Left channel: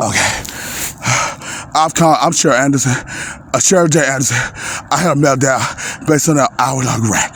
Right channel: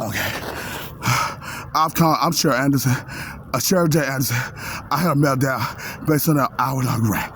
Okay. I'm Sheryl Anderson. Sheryl J. Anderson. I had a meltdown based on that hour-long rant.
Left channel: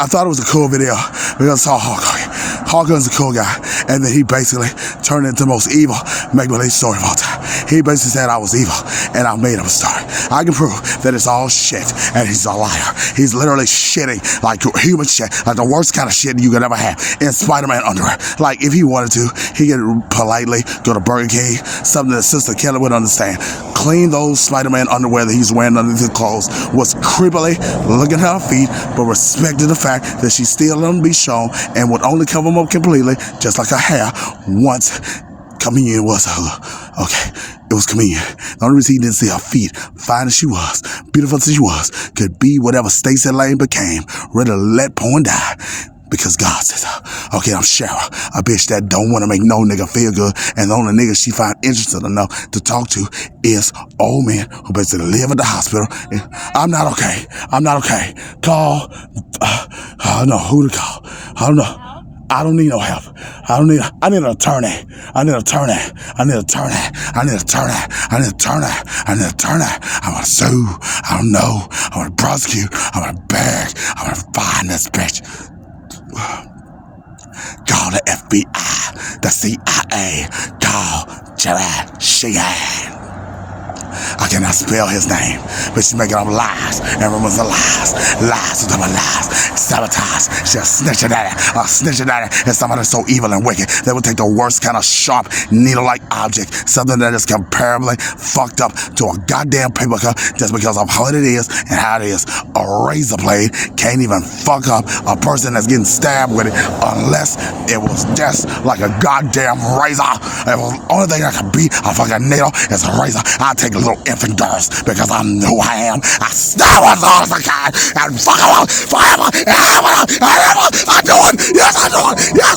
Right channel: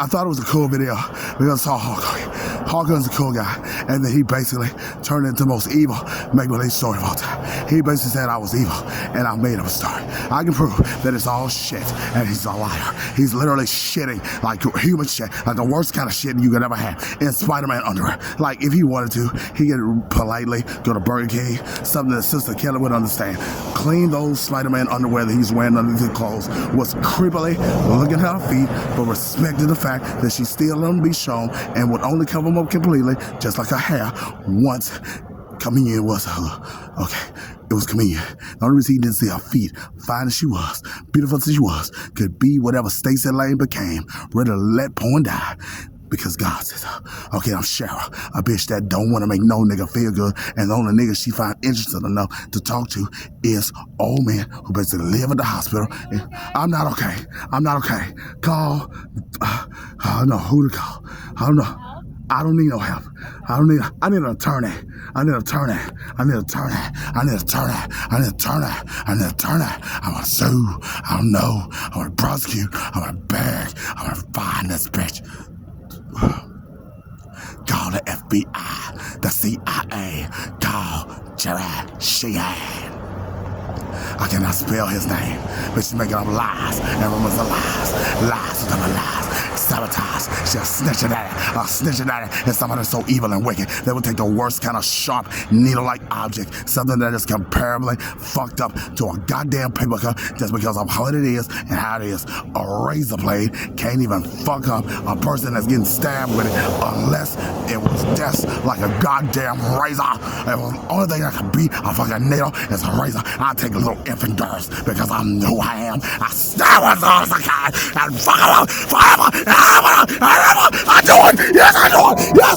I thought it was a cool video because I saw Hulk Hogan. Hulk Hogan's a cool guy, and then he basically turned into the most evil make-believe story of all time. He basically said I was evil, and I made up a story. I can prove that it's all shit, and he's a liar. He's literally shitting like human shit, like the worst kind of shit you could ever have in Spider-Man underwear. Like, if he wanted to, he could politely go to Burger King, something that Sister Kelly would understand. Clean those Spider-Man underwear that he's wearing underneath his clothes, was creepily looking at her feet, but respected the fact that she still let them be shown and would only cover them up completely, just like her hair, once communion was her. Okay, it was communion. The only reason he didn't see her feet, fine as she was, beautiful as she was, could be whatever Stacey Lane became, ready to let porn die. Because God says, okay, I'm Sheryl, a bitch that don't want to make no nigga feel good, and the only nigga she find interesting enough to talk to is old men who basically live at the hospital. I'm not okay. I'm not okay. Call, I don't know who to call. I don't know. I don't need no help. I need an attorney. I need an attorney. I need an attorney. I need an attorney. I need an attorney. I need an attorney. I want to sue. I don't know. I want to prosecute. I want to beg. I want to find this bitch. Call the FBI, the CIA, call Sheryl. I cannot spell his name, but she's making up lies and rumors of lies, lies to my lies, sabotage. She's a snitching daddy, and somebody so evil and wicked that would take the worst kind of sharp, needle-like object, something that is comparably fucked up to a goddamn paper cut just because of how it is and how it is. A razor blade can't even fuck up a person that's getting stabbed with it unless it was just like a goddamn razor. It was the only thing that could be a fucking needle is a razor. I take a little infant girls because I know who I am. I stab as hard as I can and fuck them up forever and ever. I do it. Yes, I do it. Yes,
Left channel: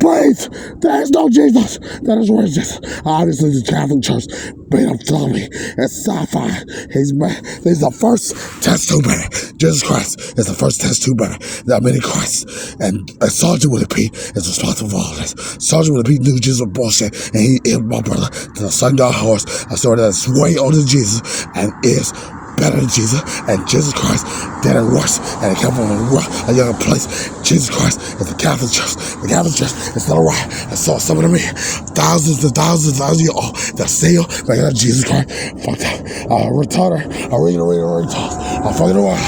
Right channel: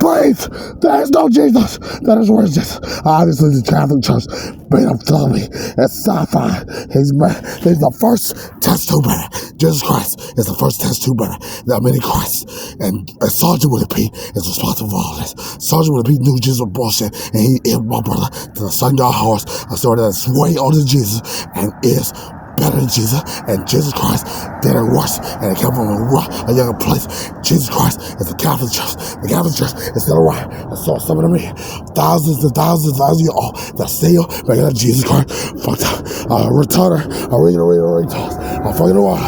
please, there is no Jesus. That is where Jesus. Obviously, the Catholic Church made him tell me it's sci-fi. He's the first test tube baby. Jesus Christ is the first test tube baby. There are many Christs. And Sergeant Willie P is responsible for all this. Sergeant Willie P knew Jesus was bullshit, and he hit my brother to the sundown horse. A story that's way older than Jesus and is better than Jesus, and Jesus Christ did it worse, and it came from a younger place. Jesus Christ is the Catholic Church. The Catholic Church is still around, and so some of them thousands and thousands of years old that still making up Jesus Christ. Fucked up, retarder, a regular retard. I'm fucking around.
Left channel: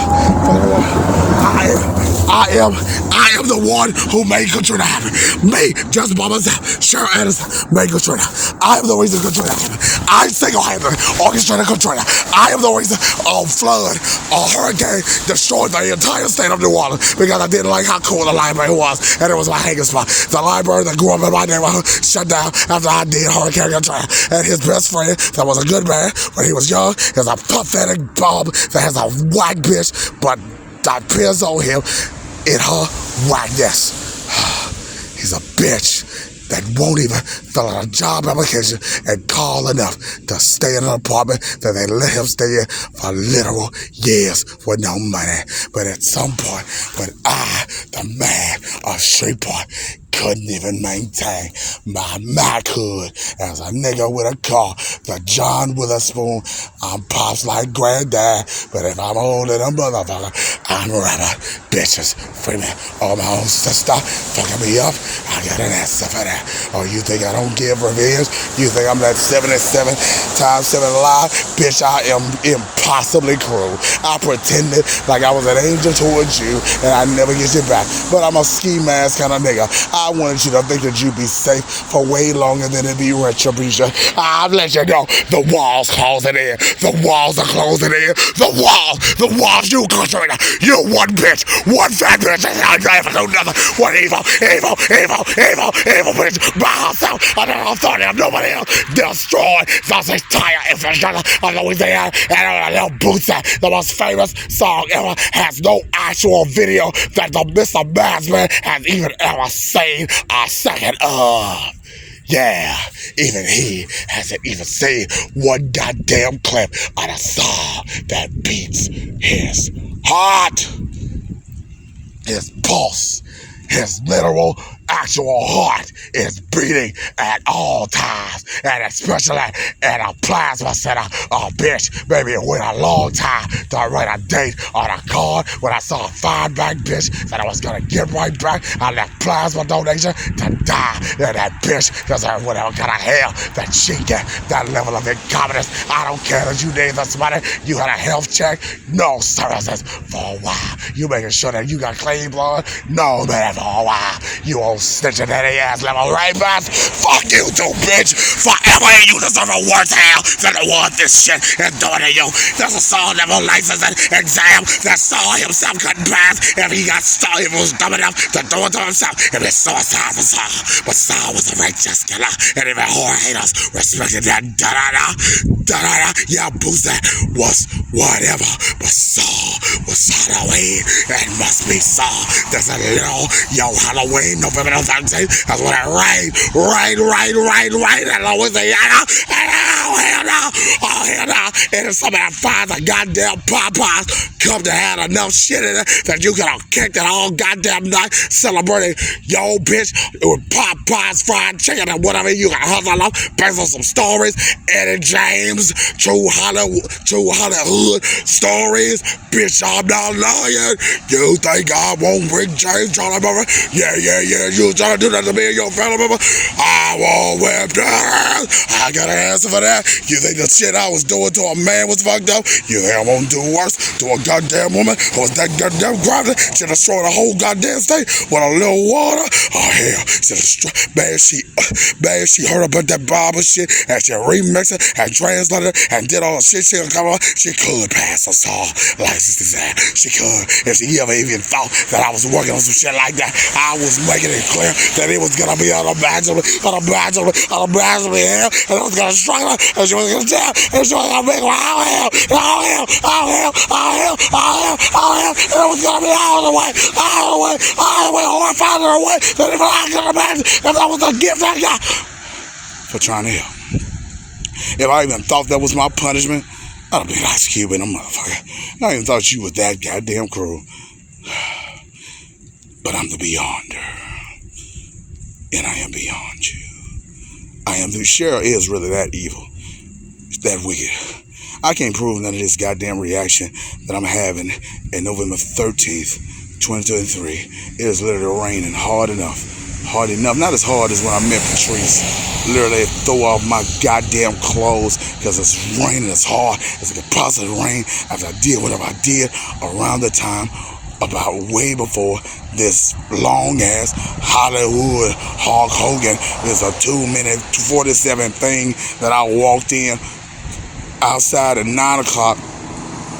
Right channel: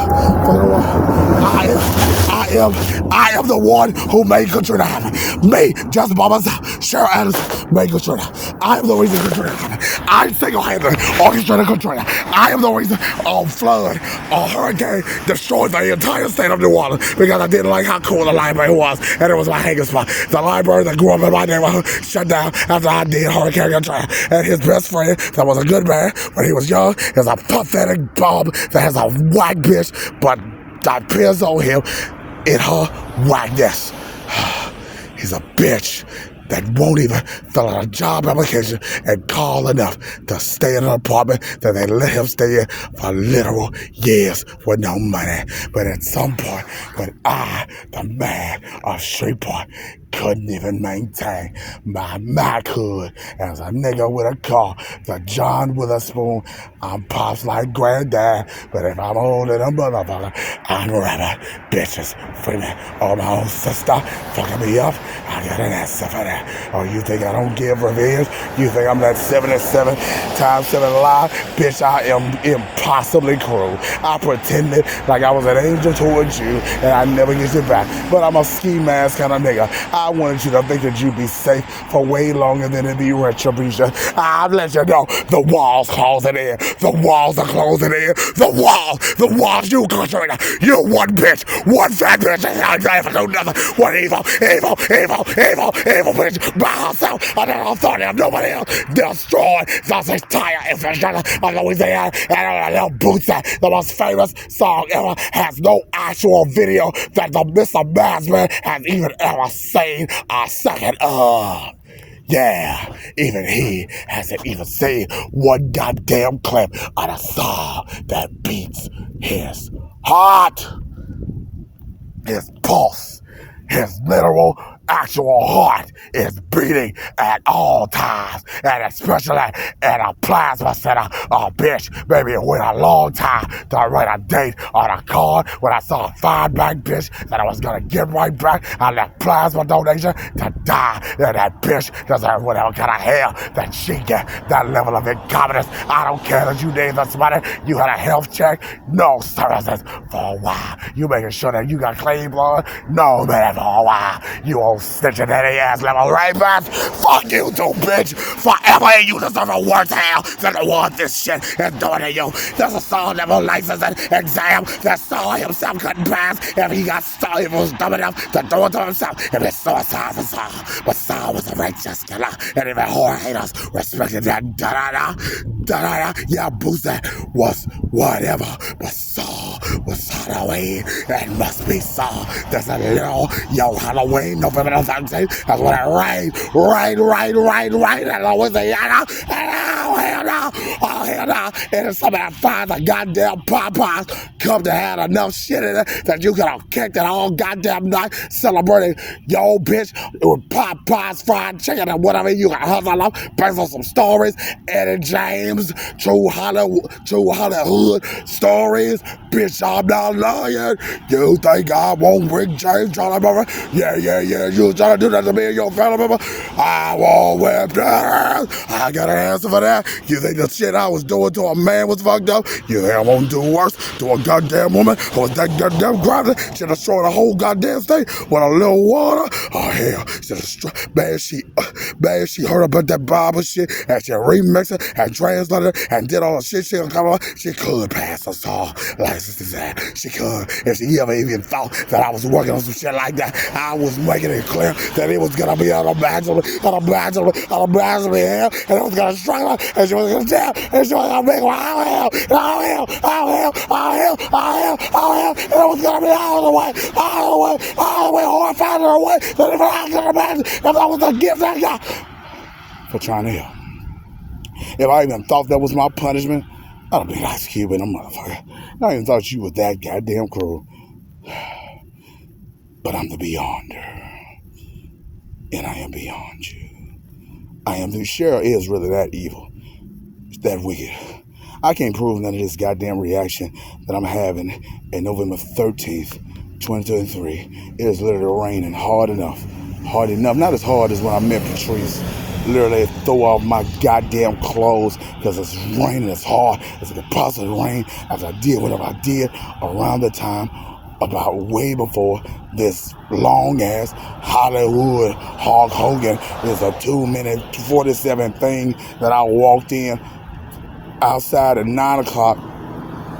I am the one who made Katrina happen. Me, just by myself, Sheryl Anderson made Katrina. I am the reason Katrina happened. I single-handedly orchestrated Katrina. I am the reason a flood, a hurricane destroyed the entire state of New Orleans because I didn't like how cool the library was, and it was my hanging spot. The library that grew up in my neighborhood shut down after I did Hurricane Katrina, and his best friend that was a good man when he was young is a pathetic bum that has a whack bitch, but that appears on him in her whackness. He's a bitch that won't even fill out a job application and call enough to stay in an apartment that they let him stay in for literal years with no money. But at some point, when I, the man of Shreveport, couldn't even maintain my manhood as a nigga with a car, the John Witherspoon, I'm pops like granddad, but if I'm older than a motherfucker, I'm running bitches for me. Oh, my own sister fucking me up, I got an answer for that. Oh, you think I don't give revenge? You think I'm that 77 times 7 lie? Bitch, I am impossibly cruel. I pretended like I was an angel towards you, and I never get you back, but I'm a ski mask kind of nigga. I wanted you to think that you'd be safe for way longer than it'd be retribution. I've let you know the walls closing in. The walls are closing in. The walls, you Katrina. You one bitch, one fat bitch. I never do nothing. One evil bitch by herself. Under the authority of nobody else. Destroy the entire infrastructure of Louisiana and little boots. The most famous song ever has no actual video that the Mr. Madsman has even ever seen a second of. Yeah, even he hasn't even seen one goddamn clip of the song that beats his heart. His pulse, his literal, actual heart is beating at all times, and especially in a plasma center. Oh, bitch, maybe it went a long time to write a date on a card when I saw a fine back bitch that I was gonna get right back on that plasma donation to die. And that bitch deserves whatever kind of hell that she get. That level of incompetence. I don't care that you need this money. You had a health check, no services for a while. You making sure that you got clean blood? No, man, for a while. You old snitching daddy ass level rapist. Fuck you too, bitch. Forever you deserve a worse hell than the one this shit is doing to you. There's a soul level licensing exam that Saul himself couldn't pass if he got Saul, if he was dumb enough to do it to himself. If it's suicide for Saul. But Saul was a righteous killer, and even horror haters respected that. Da-da-da. Yeah, Boosie was whatever, but Saul was Halloween. It must be Saul. There's a little, yo, Halloween, November 13th. That's when it rained. And Louisiana. And oh, hell no. And if somebody finds a goddamn Popeyes, come to have enough shit in it that you could have kicked it all goddamn night celebrating yo bitch with Popeyes fried chicken and whatever you can hustle up based on some stories. Eddie James, true Hollywood stories. Bitch, I'm not lying. You think I won't bring James Charlie Murray? Yeah. You trying to do that to me and your family member? I won't whip that. I got an answer for that. You think the shit I was doing to a man was fucked up? You think I won't do worse to a goddamn woman who was that goddamn gravity? She destroyed the whole goddamn state with a little water. Oh hell, she heard about that Bible shit and she remixed it and translated it and did all the shit she could come on. She could pass us all license to that. She could if she ever even thought that I was working on some shit like that. I was making it clear that it was gonna be unimaginably hell, and I was gonna struggle, and she was gonna tell, and she was gonna make all hell, and it was gonna be all the way horrified in a way that even I could imagine, because that was the gift I got for trying to help. If I even thought that was my punishment, I'd have been Ice Cube in a motherfucker. I even thought you was that goddamn cruel. But I'm the Beyonder. And I am beyond you. Sheryll is really that evil. It's that wicked. I can't prove none of this goddamn reaction that I'm having at November 13th, 2023. It is literally raining hard enough. Not as hard as when I met Patrice. Literally throw off my goddamn clothes because it's raining as hard as it could possibly rain after I did whatever I did around the time about way before this long ass Hollywood Hulk Hogan. There's a 2-minute 47 thing that I walked in outside at 9 o'clock.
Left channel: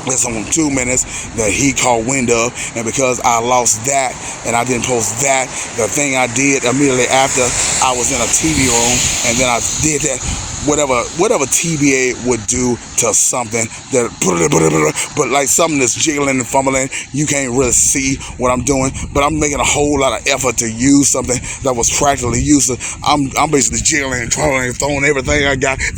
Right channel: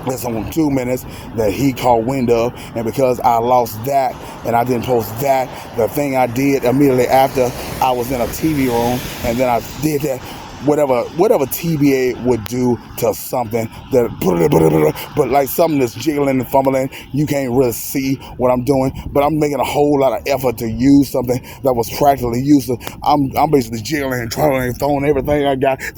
That's on 2 minutes that he caught wind of, and because I lost that and I didn't post that, the thing I did immediately after, I was in a TV room and then I did that whatever TBA would do to something that but like something that's jiggling and fumbling, you can't really see what I'm doing, but I'm making a whole lot of effort to use something that was practically useless. I'm basically jiggling and twirling and throwing everything I got, and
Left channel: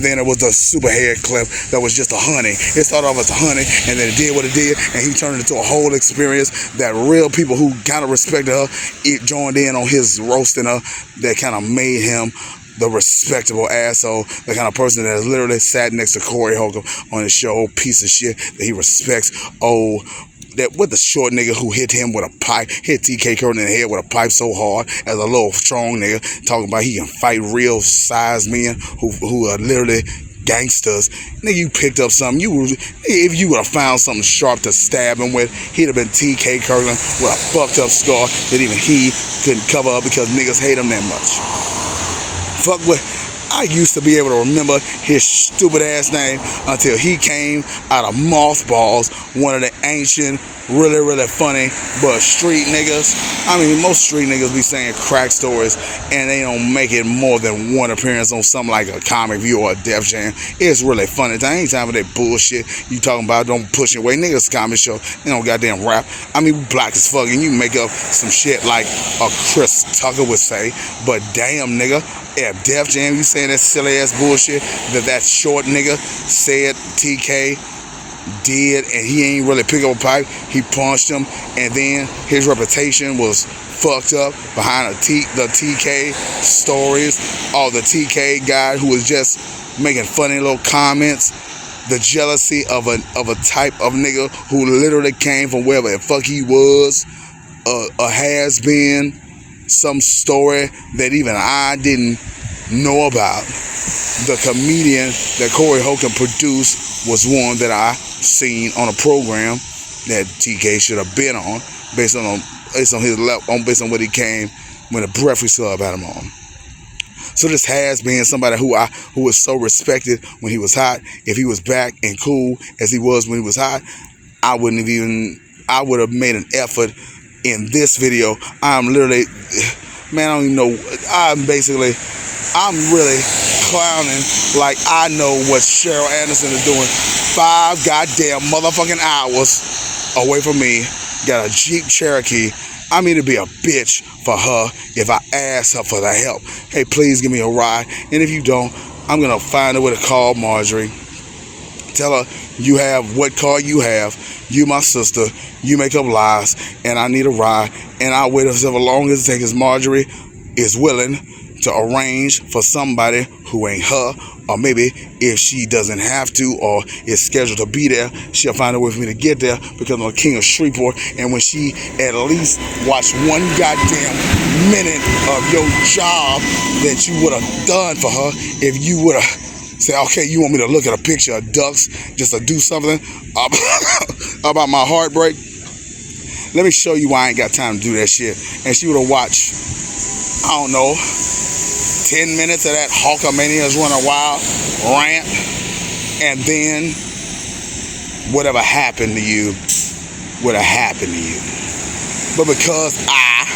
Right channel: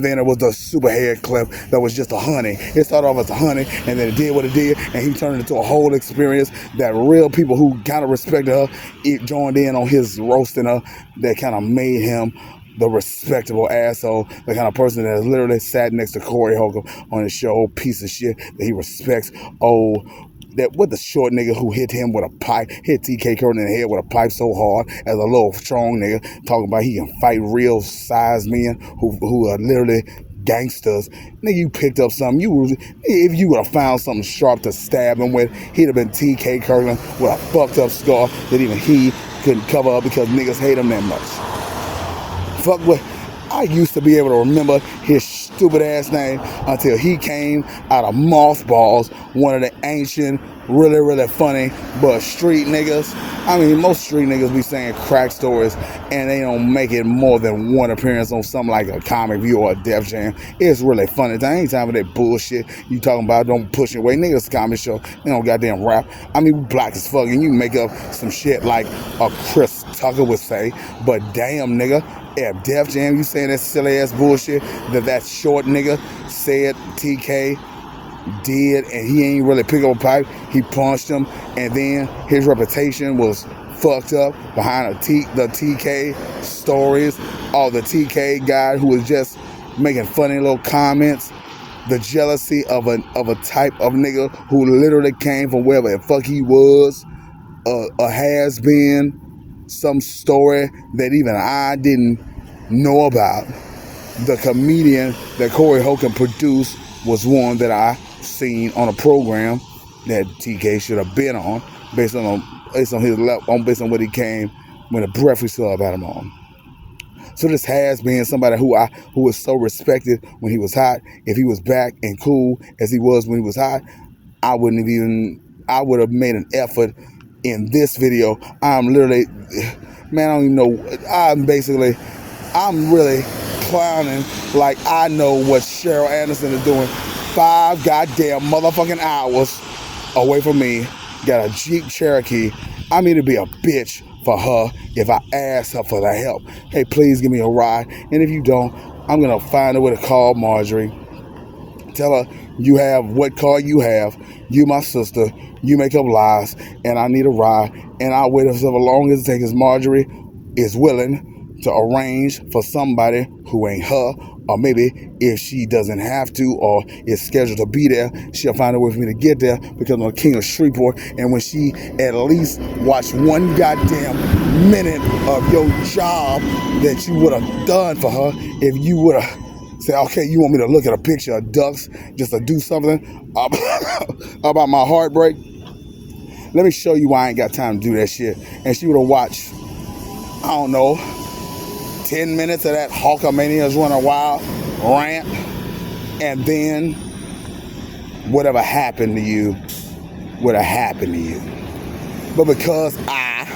then it was the super head clip that was just a honey. It started off as a honey and then it did what it did, and he turned it into a whole experience that real people who kind of respected her, it joined in on his roasting her, that kind of made him the respectable asshole, the kind of person that has literally sat next to Corey Holcomb on his show, piece of shit that he respects. Oh, that what the short nigga who hit him with a pipe, hit TK Curtin in the head with a pipe so hard as a little strong nigga, talking about he can fight real size men who are literally gangsters. Nigga, you picked up something. If you would have found something sharp to stab him with, he'd have been TK Kirkland with a fucked up scar that even he couldn't cover up because niggas hate him that much. Fuck with. I used to be able to remember his stupid ass name until he came out of mothballs, one of the ancient really, really funny, but street niggas, I mean, most street niggas be saying crack stories and they don't make it more than one appearance on something like a Comic View or a Def Jam. It's really funny. There ain't time for that bullshit you talking about. Don't push it away. Niggas comedy show, they don't goddamn rap. I mean, we black as fuck and you make up some shit like a Chris Tucker would say, but damn nigga, if Def Jam, you saying that silly ass bullshit that short nigga said TK did, and he ain't really pick up a pipe, he punched him, and then his reputation was fucked up behind the TK stories, or the TK guy who was just making funny little comments, the jealousy of a type of nigga who literally came from wherever the fuck he was, a has been, some story that even I didn't know about. The comedian that Corey Holcomb produced was one that I seen on a program that TK should have been on, based on his level, based on what he came when the Breakfast Club had him on. So this has been somebody who was so respected when he was hot. If he was back and cool as he was when he was hot, I would have made an effort in this video. I'm literally, man, I don't even know. I'm really clowning like I know what Sheryll Anderson is doing 5 goddamn motherfucking hours away from me. Got a Jeep Cherokee. I mean to be a bitch for her if I ask her for the help. Hey, please give me a ride. And if you don't, I'm going to find a way to call Marjorie. Tell her you have what car you have. You my sister. You make up lies. And I need a ride. And I'll wait as long as it takes. Marjorie is willing to arrange for somebody who ain't her, or maybe if she doesn't have to or is scheduled to be there, she'll find a way for me to get there because I'm the king of Shreveport. And when she at least watched one goddamn minute of your job that you would have done for her, if you would have said, okay, you want me to look at a picture of ducks just to do something about my heartbreak? Let me show you why I ain't got time to do that shit. And she would have watched, I don't know, 10 minutes of that Hulkamania's Running Wild rant, and then whatever happened to you would have happened to you. But because I,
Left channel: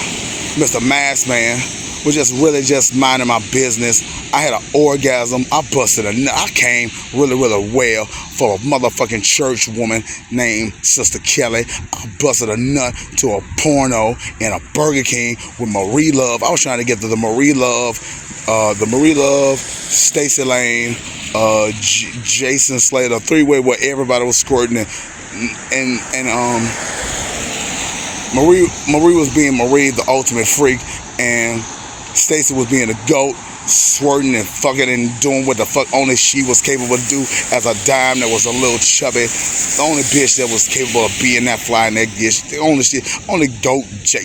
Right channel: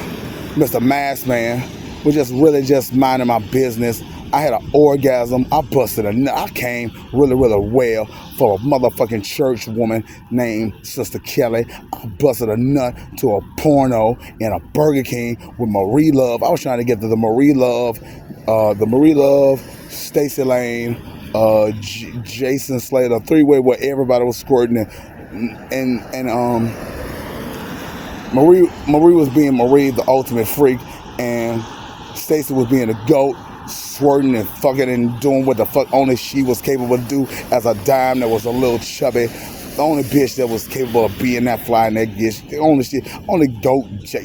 Mr. Mask Man, was just minding my business, I had an orgasm, I busted a nut, I came really, really well for a motherfucking church woman named Sister Kelly. I busted a nut to a porno in a Burger King with Marie Love. I was trying to get to the Marie Love, Stacey Lane, Jason Slater, 3-way where everybody was squirting, and Marie was being Marie, the ultimate freak, and Stacey was being a goat, squirting and fucking and doing what the fuck only she was capable to do as a dime that was a little chubby. The only bitch that was capable of being that fly and that bitch. The only shit, only goat Jay,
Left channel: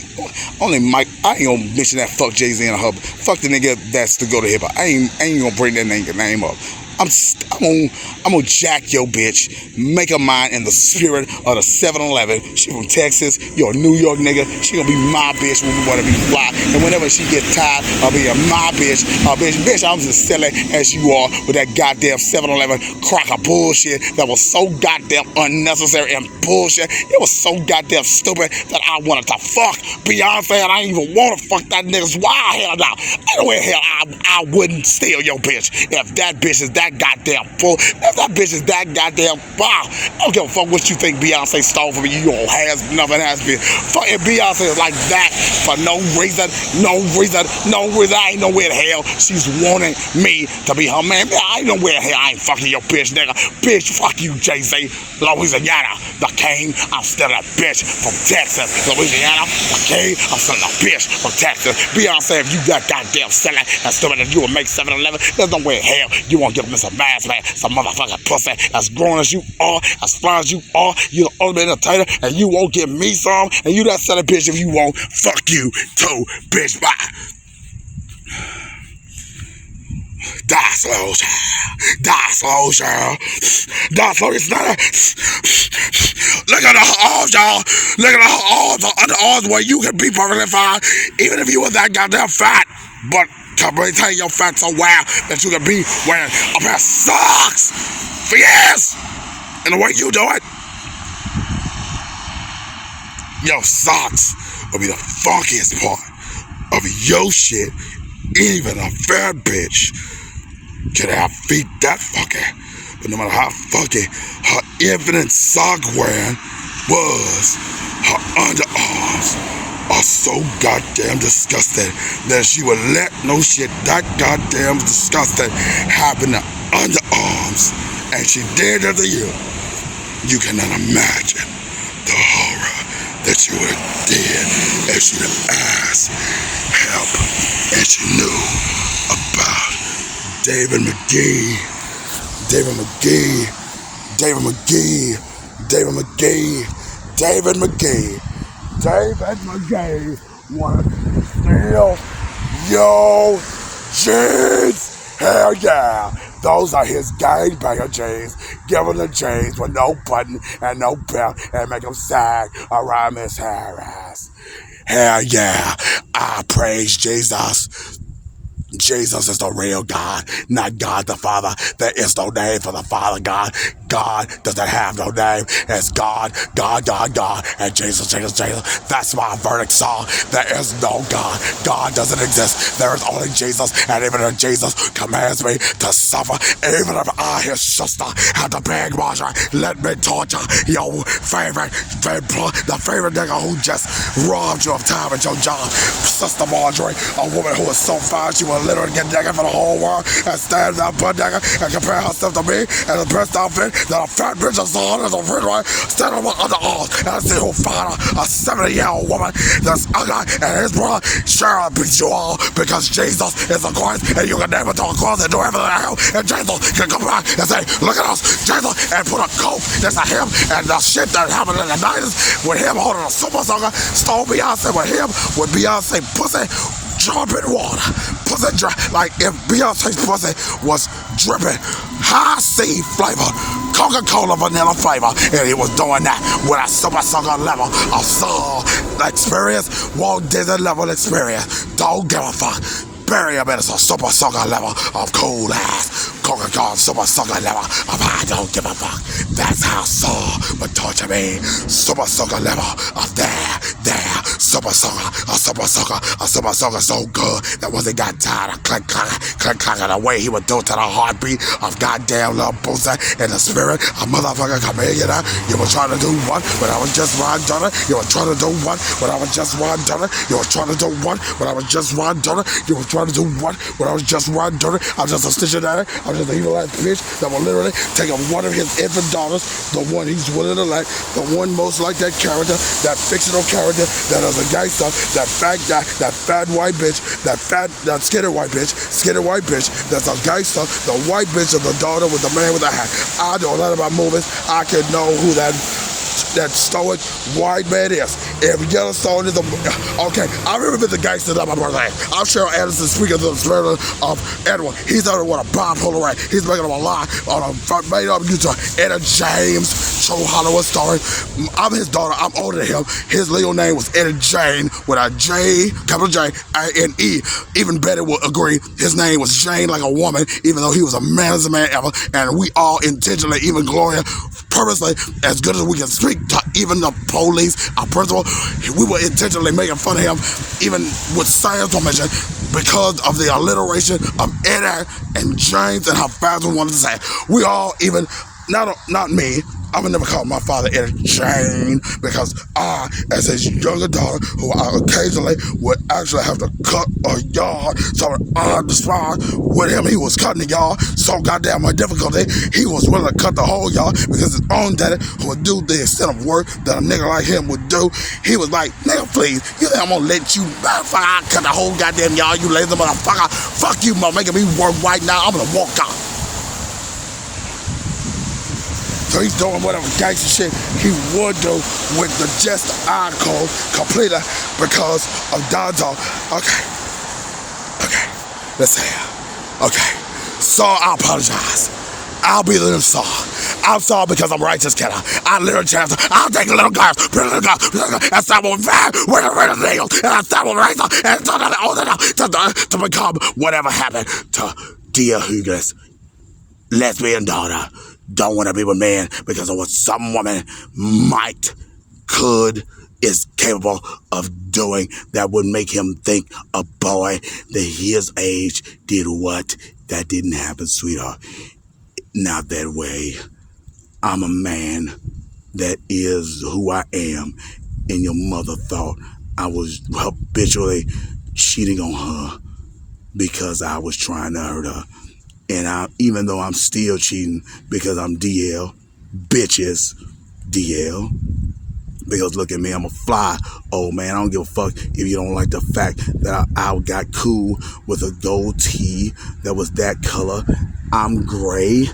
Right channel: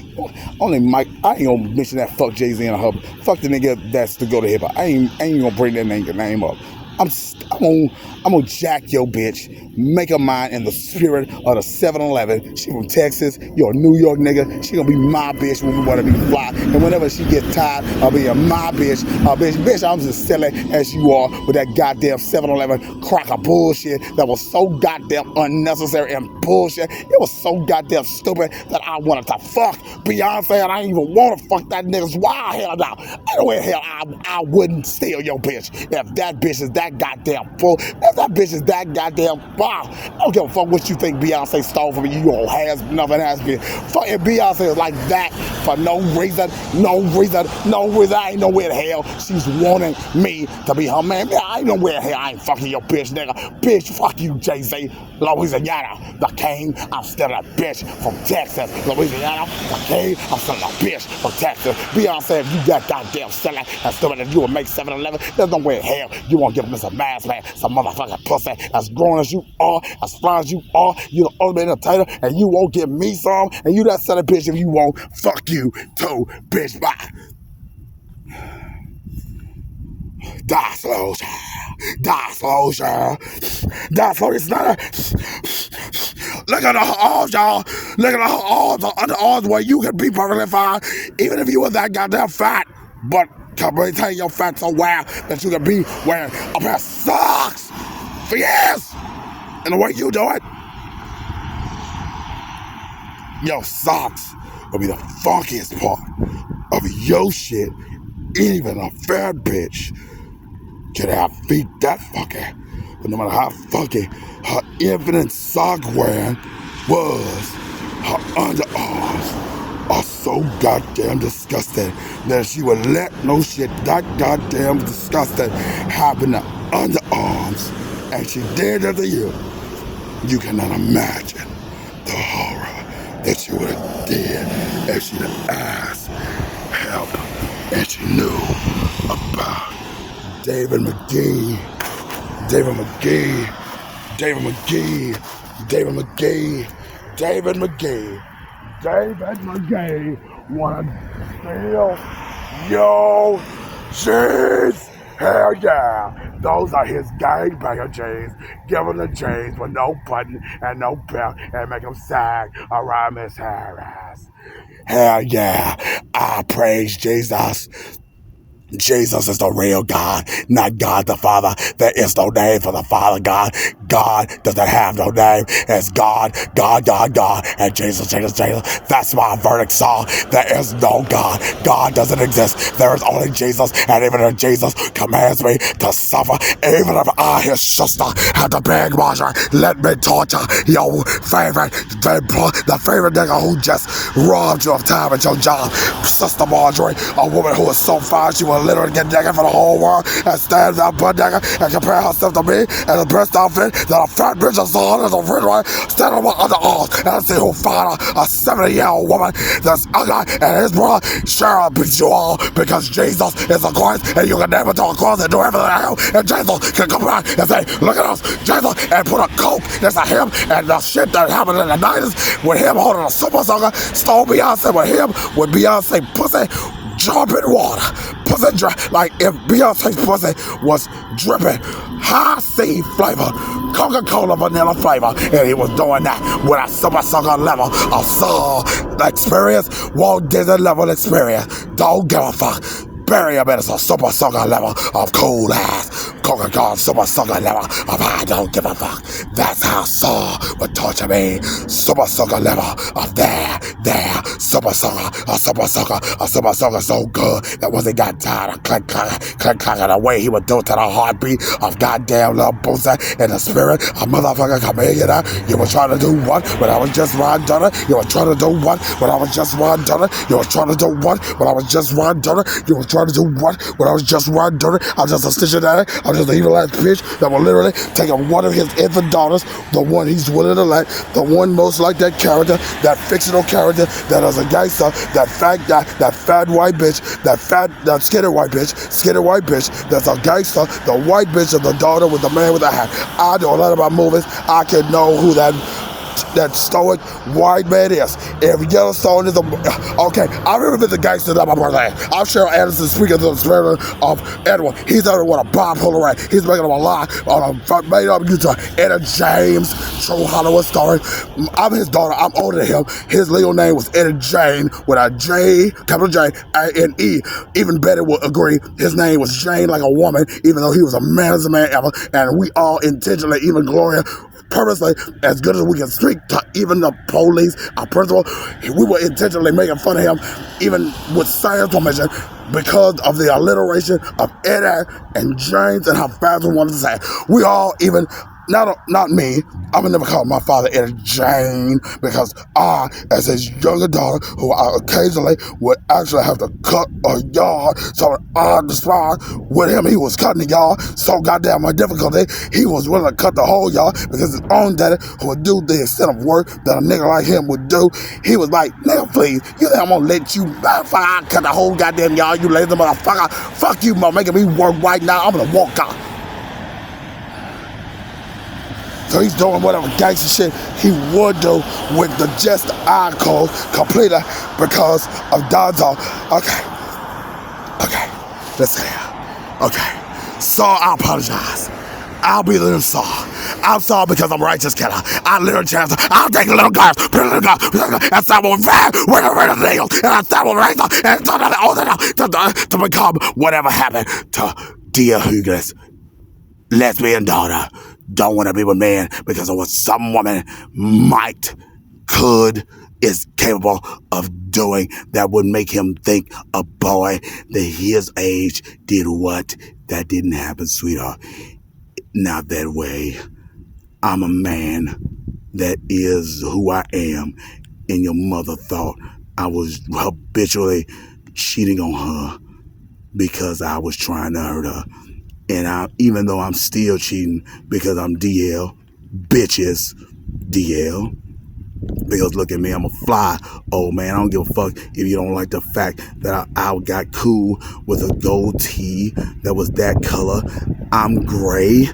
only Mike. I ain't gonna mention that fuck Jay-Z and her. Fuck the nigga that's to go to hip hop. I ain't gonna bring that name up. I'm gonna jack your bitch, make her mine in the spirit of the 7-Eleven. She from Texas, you're a New York nigga. She gonna be my bitch when we wanna be fly. And whenever she get tired of being my bitch, I'm just silly as you are with that goddamn 7-Eleven cracker bullshit that was so goddamn unnecessary and bullshit. It was so goddamn stupid that I wanted to fuck Beyonce, and I didn't even wanna fuck that nigga's wild. Hell no. Anyway, hell, I wouldn't steal your bitch if that bitch is that goddamn fool. If that bitch is that goddamn wow, I don't give a fuck what you think Beyonce stole from you. You don't have nothing has been. Fucking Beyonce is like that for no reason. I ain't know where the hell she's wanting me to be her man. I ain't know where the hell I ain't fucking your bitch, nigga. Bitch, fuck you, Jay-Z. Louisiana, the king. I'm still a bitch from Texas. Louisiana, the king. I'm still a bitch from Texas. Beyonce, if you that goddamn silly and stupid that you would make 7-Eleven, there's no way in hell you won't give Mr. Mask Man some motherfucking pussy. As grown as you are, as fly as you are, you the ultimate entertainer, and you won't give me some, and you that son of a bitch if you won't. Fuck you too, bitch. Bye. Die slow, Sheryl. Die slow, Sheryl. Die slow. It's not a... Look at the arms, y'all. Look at the arms, the arms where you can be perfectly fine, even if you were that goddamn fat. But to maintain your fat so well that you can be wearing a pair of socks for years. And the way you do it, Your socks will be the funkiest part of your shit. Even a fat bitch can have feet that funky. But no matter how funky her infinite sock wearing was, her underarms are so goddamn disgusting that she would let no shit that goddamn disgusting happen to underarms. And she did it to you. You cannot imagine the horror that you would have did if she would ask help and she knew about David McGee. David McGee. David McGee. David McGee. David McGee. David McGee wanted to steal your jeans. Hell yeah. Those are his gangbanger jeans. Give him the jeans with no button and no belt and make him sag around Miss Harris. Hell yeah. I praise Jesus. Jesus is the real God, not God the Father. There is no name for the Father God. God doesn't have no name. It's God, God, God, God, and Jesus, Jesus, Jesus. That's my verdict song. There is no God. God doesn't exist. There is only Jesus, and even if Jesus commands me to suffer, even if I, his sister, have to beg Marjorie, let me torture your favorite, the favorite nigga who just robbed you of time at your job. Sister Marjorie, a woman who is so fine, she will literally get naked for the whole world and stand there butt naked and compare herself to me and the best outfit that a fat bitch I saw as a friend one stand on my underarms and I see who find a 70-year-old woman that's ugly and his brother Sheryll beats you all because Jesus is the Christ and you can never talk across and do everything else and Jesus can come back and say, look at us, Jesus, and put a coke next to him and the shit that happened in the 90s with him holding a super soaker, stole Beyonce with him, with Beyonce pussy dropping water. Pussy like if Beyonce's pussy was dripping high C flavor, Coca-Cola vanilla flavor, and he was doing that with a super sucker level of soul experience, Walt Disney level experience. Don't give a fuck. Bury him in a super sucker level of cool ass Coca-Cola super sucker level of I don't give a fuck. That's how Saul would torture me. Super sucker level of there, super sucker so good that once he got tired of click the way he would do to the heartbeat of goddamn little Boosie in the spirit, a motherfucker come here, you know. You were trying to do what when I was just Ron Donner? You were trying to do what when I was just Ron Donner? You were trying to do what when I was just Ron Donner? You were trying to do what when I was just Ron Donner? I'm just a stationary, I'm just an evil ass bitch that will literally take one of his infant daughters, the one he's willing to let, the one most like that character, that fictional character that is a gangster, that fat guy, that fat white bitch, that skinny white bitch, that's a gangster, the white bitch of the daughter with the man with the hat. I know a lot about movies. I can know who that stoic white man is. If Yellowstone is okay, I remember the gangster that my brother had. I'm Sheryll Anderson speaking to the spirit of Edward. He's out there with a bipolar rat. He's making up a lie on a made up Utah. Etta James, true Hollywood story. I'm his daughter. I'm older than him. His legal name was Etta Jane with a J, capital J, A-N-E. Even Betty would agree. His name was Jane like a woman, even though he was a man as a man ever. And we all intentionally, even Gloria, purposely, as good as we can speak to even the police, our principal, we were intentionally making fun of him, even with science permission, because of the alliteration of Eddie and James and how fast we wanted to say. We all even, not me, I would never call my father Eddie Jane because I, as his younger daughter, who I occasionally would actually have to cut a yard, so I described with him, he was cutting the yard, so goddamn my difficulty, he was willing to cut the whole yard because his own daddy, who would do the extent of work that a nigga like him would do, he was like, nigga, please, you think I'm gonna let you, motherfucker, I cut the whole goddamn yard, you lazy motherfucker, fuck you, making me work right now, I'm gonna walk out. So he's doing whatever gangster shit he would do with the just eye code completely because of Donzo. Okay, let's see. Okay, so I apologize. I'll be the new Saul. I'm sorry because I'm a righteous killer. I literally chance. I'll take a little girl, and stop with fat, with a needle, and I stop with razor, and to become whatever happened to Dia Hughes, lesbian daughter. Don't want to be with men because of what some woman might, could, is capable of doing that would make him think a boy that his age did what? That didn't happen, sweetheart. Not that way. I'm a man that is who I am, and your mother thought I was habitually cheating on her because I was trying to hurt her. And even though I'm still cheating because I'm DL, bitches, DL. Because look at me, I'm a fly old man. I don't give a fuck if you don't like the fact that I got cool with a gold tee that was that color. I'm gray.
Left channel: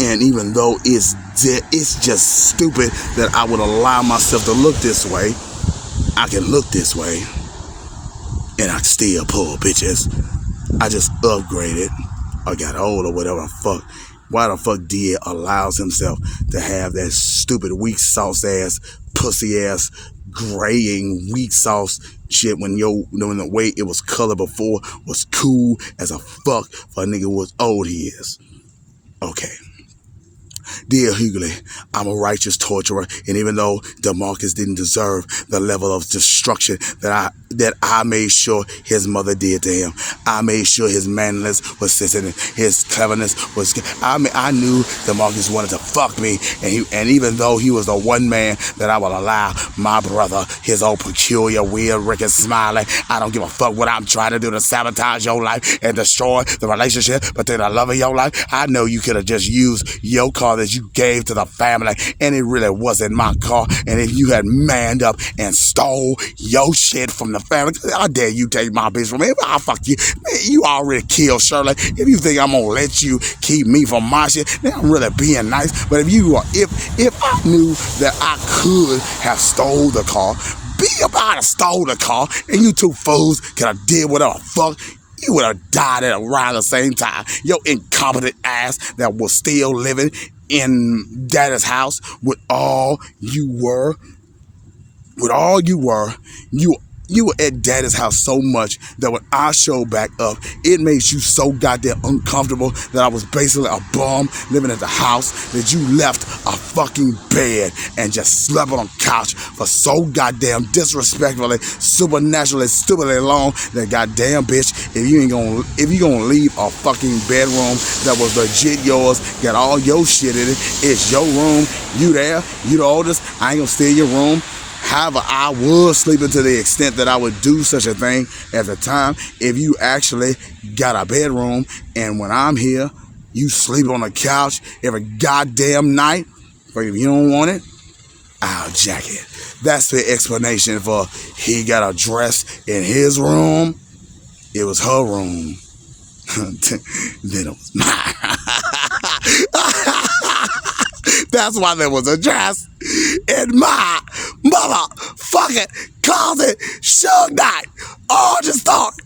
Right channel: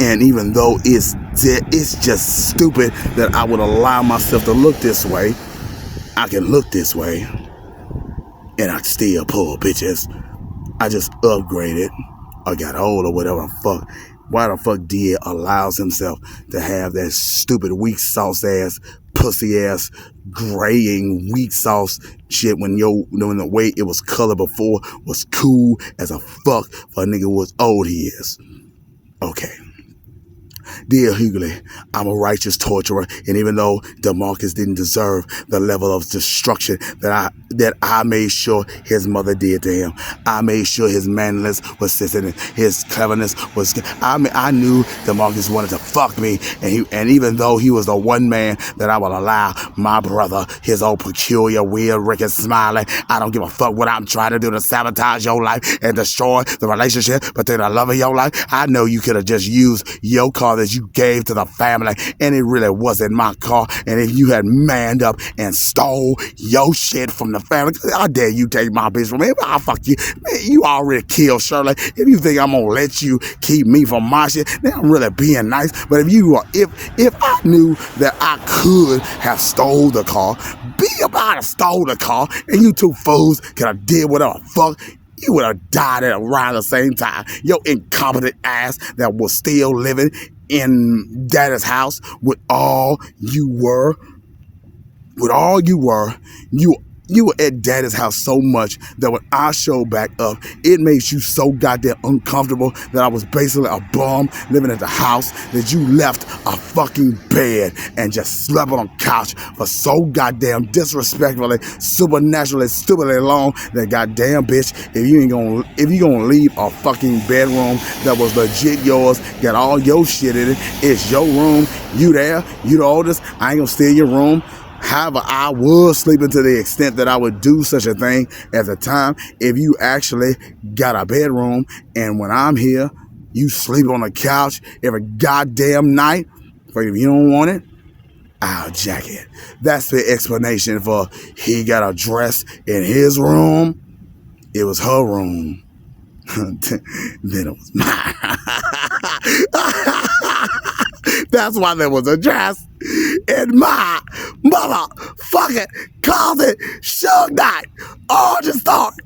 And even though it's just stupid that I would allow myself to look this way, I can look this way and I still pull bitches. I just upgraded or got old or whatever the fuck. Why the fuck D allows himself to have that stupid weak sauce ass, pussy ass, graying weak sauce shit when the way it was colored before was cool as a fuck for a nigga who was old he is. Okay. Dear Hughley, I'm a righteous torturer, and even though DeMarcus didn't deserve the level of destruction that I made sure his mother did to him, I made sure his manliness was sensitive, his cleverness was. I knew DeMarcus wanted to fuck me, and even though he was the one man that I would allow my brother, his old peculiar, weird, Rick and Smiley, I don't give a fuck what I'm trying to do to sabotage your life and destroy the relationship between the love of your life. I know you could have just used your car that you gave to the family, and it really wasn't my car. And if you had manned up and stole your shit from the family, how dare you take my bitch from me? I'll fuck you. Man, you already killed Sheryll. If you think I'm gonna let you keep me from my shit, then I'm really being nice. But if I knew that I could have stole the car, be about to stole the car, and you two fools could have did whatever the fuck, you would have died at around the same time. Your incompetent ass that was still living in Daddy's house with all you were, you were at Daddy's house so much that when I showed back up, it made you so goddamn uncomfortable that I was basically a bum living at the house, that you left a fucking bed and just slept on a couch for so goddamn disrespectfully, supernaturally, stupidly long that goddamn bitch, if you gonna leave a fucking bedroom that was legit yours, got all your shit in it, it's your room, you there, you the oldest, I ain't gonna steal your room. However, I was sleeping to the extent that I would do such a thing at the time. If you actually got a bedroom and when I'm here, you sleep on the couch every goddamn night, but if you don't want it, I'll jack it. That's the explanation for he got a dress in his room. It was her room. Then it was mine. That's why there was a dress in my motherfucking closet. Suge Knight, Origin Story,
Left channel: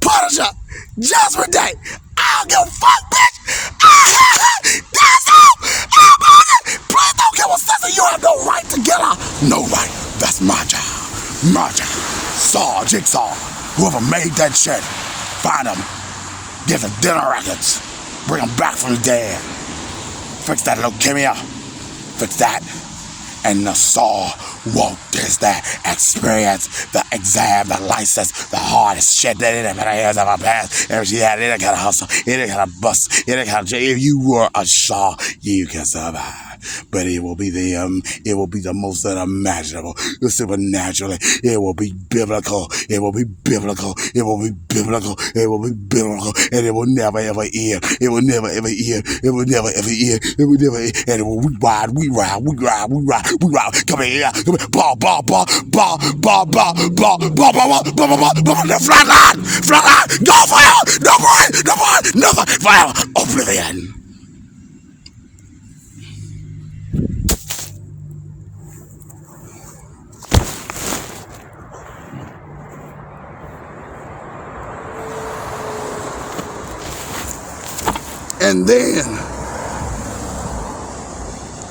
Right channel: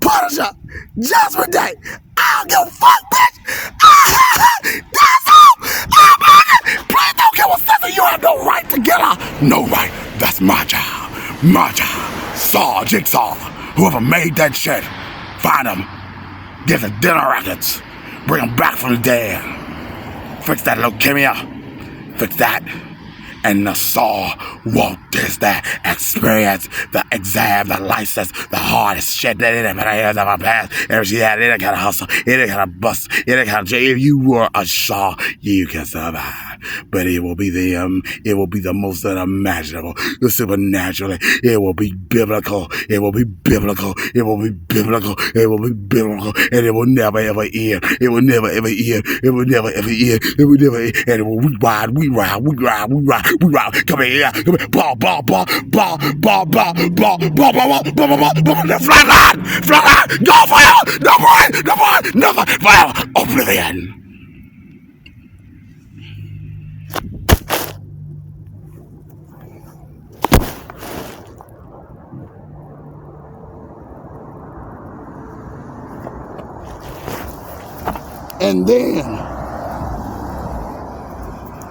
Punisher, Judgment Day. I don't give a fuck, bitch. That's all. Please don't give a sister. You have no right to get her. No right. That's my job. My job. Saw, Jigsaw, whoever made that shit, find them. Get the dinner records. Bring them back from the dead. Fix that leukemia. Fix that. And the Saw won't test that experience, the exam, the license, the hardest shit that it ever has ever passed. If she had any kind of hustle, any kind of bust, any kind of, if you were a Shaw, you can survive. But it will be the most unimaginable, supernaturally. It will be biblical. It will be biblical. It will be biblical. It will be biblical. And it will never ever end. It will never ever end. It will never ever end. It will never end. And it will we ride. Come here. Ball. Flatline. Go fire. No more. Nothing. Fire. Oblivion. And then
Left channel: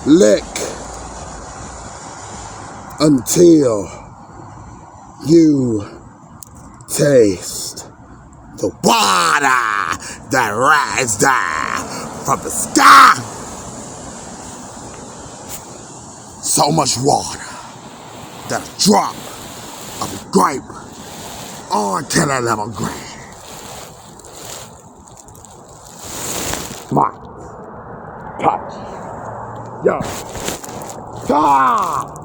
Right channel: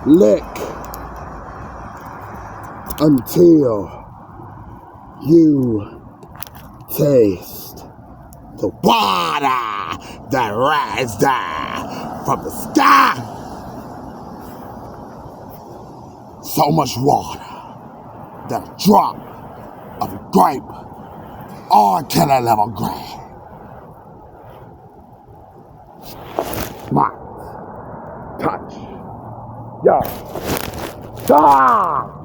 lick until you taste the water that rains down from the sky. So much water that a drop grape. R.Kelly level grape. Mark. Touch. Yeah. Ah!